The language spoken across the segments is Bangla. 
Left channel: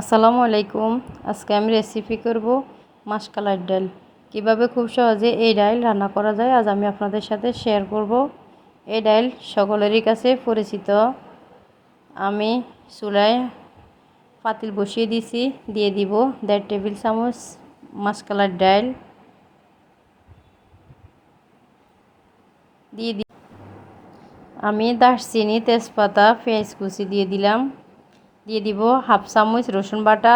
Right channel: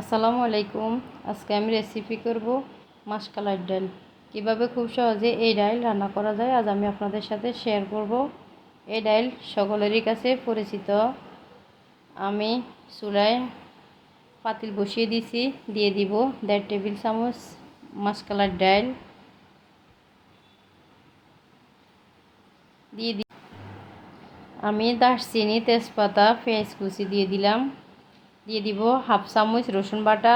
আসসালামু আলাইকুম। আজকে আমি রেসিপি করব মাশকালাইর ডাল। কিভাবে খুব সহজে এই ডাল রান্না করা যায় আজ আমি আপনাদের সাথে শেয়ার করব। এই ডাল সকলেরই কাছে পরিচিত। আমি চুলায় পাতিল বসিয়ে দিয়েছি, দিয়ে দিব 1.5 টেবিল চামচ মাশকালাইর ডাল। আমি দারচিনি, তেজপাতা, পেঁয়াজ কুচি দিয়ে দিলাম। দিয়ে দিব হাফ চামচ রসুন বাটা,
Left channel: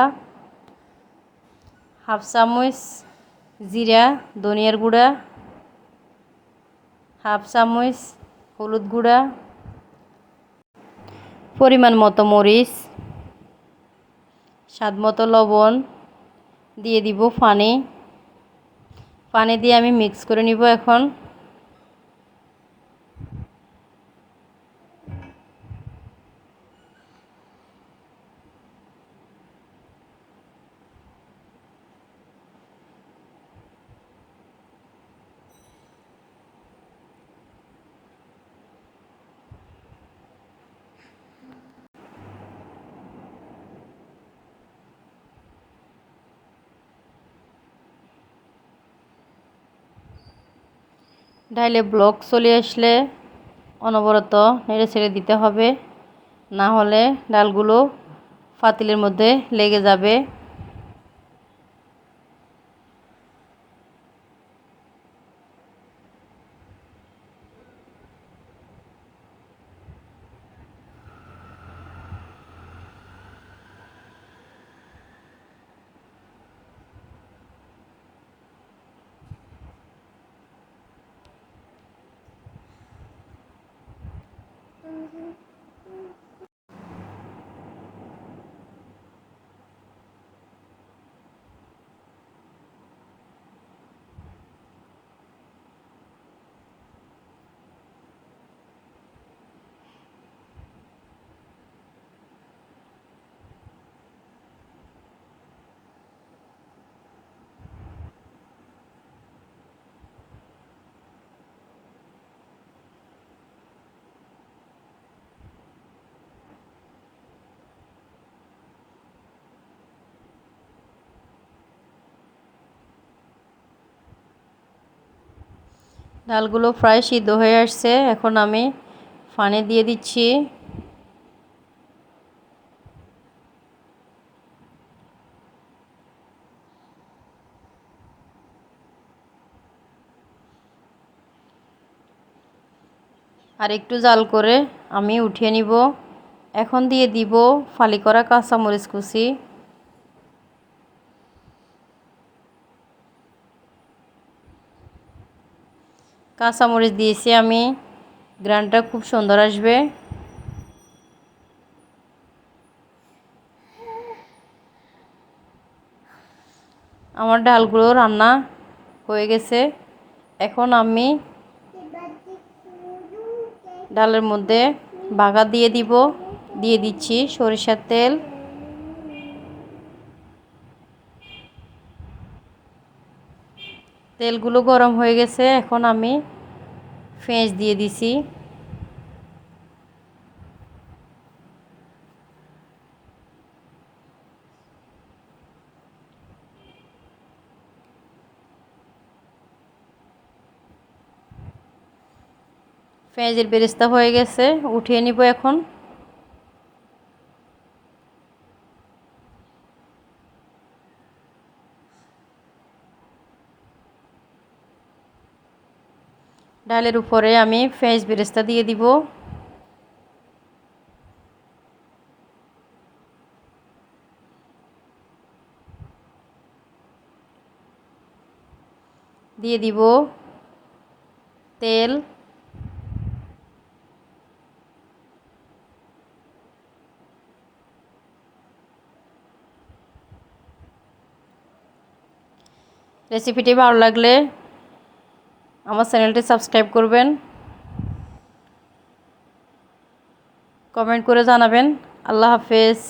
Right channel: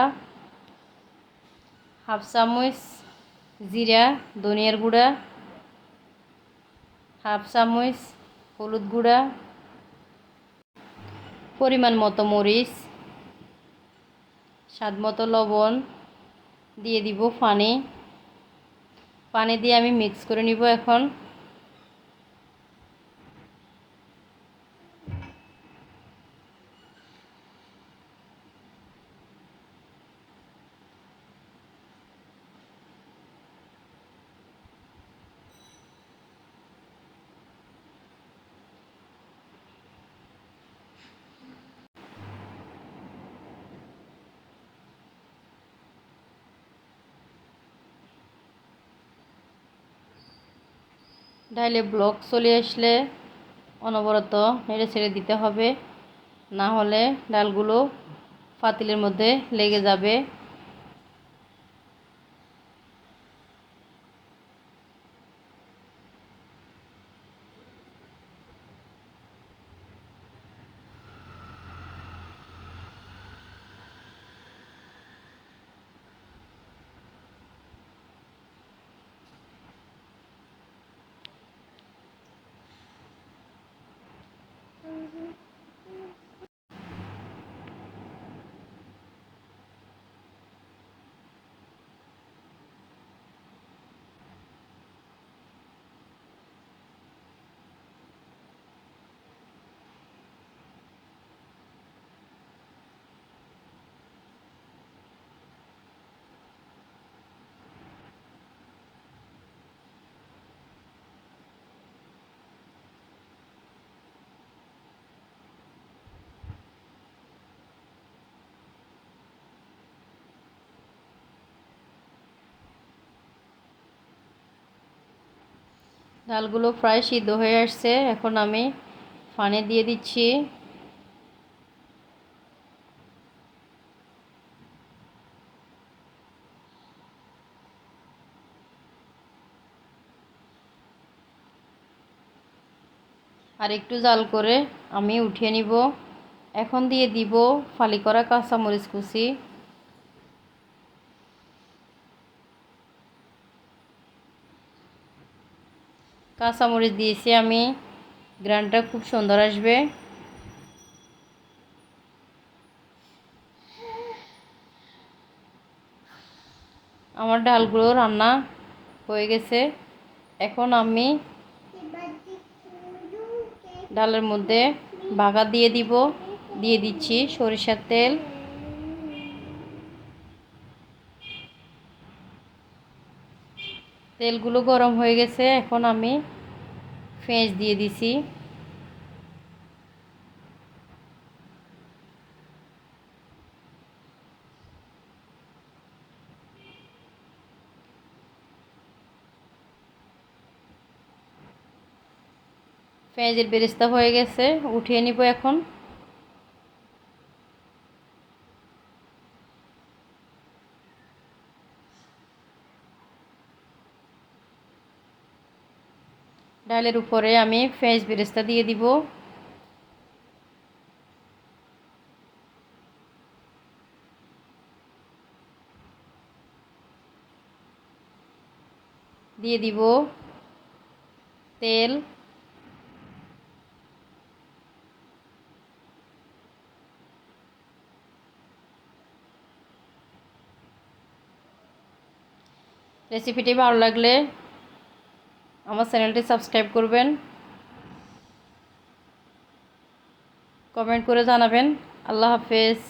হাফ চামচ জিরা ধনিয়ার গুঁড়া, হাফ চামচ হলুদ গুঁড়া, পরিমাণ মতো মরিচ, স্বাদ মতো লবণ, দিয়ে দিব পানি দিয়ে আমি মিক্স করে নিব। এখন ডাইলে ব্লক চলে আসলে অনবরত নেড়ে ছেড়ে দিতে হবে, না হলে ডালগুলো পাতিলের মধ্যে লেগে যাবে। ডালগুলো প্রায় সিদ্ধ হয়ে আসছে। এখন আমি পানি দিয়ে দিচ্ছি। আর একটু জাল করে আমি উঠিয়ে নিব। এখন দিয়ে দিব ফালি করা কাঁচামরিচ কুচি, কাঁচামরিচ দিয়েছি আমি, গ্রানটা খুব সুন্দর আসবে। আমার ডালগুলো রান্না হয়ে গেছে। এখন আমি ডালের মধ্যে বাগার দিয়ে দিচ্ছি সরিষার তেল। তেলগুলো গরম হয়ে গেছে। এখন আমি পেঁয়াজ দিয়ে দিছি। পেঁয়াজের বেরেস্তা হয়ে গেছে, উঠিয়ে নিব। এখন ডালের উপরে আমি পেঁয়াজ বেরেস্তা দিয়ে দিব। দিয়ে দিব তেল, রেসিপিটি ভালো লাগলে আমার চ্যানেলটি সাবস্ক্রাইব করবেন, কমেন্ট করে জানাবেন। আল্লাহ হাফেজ।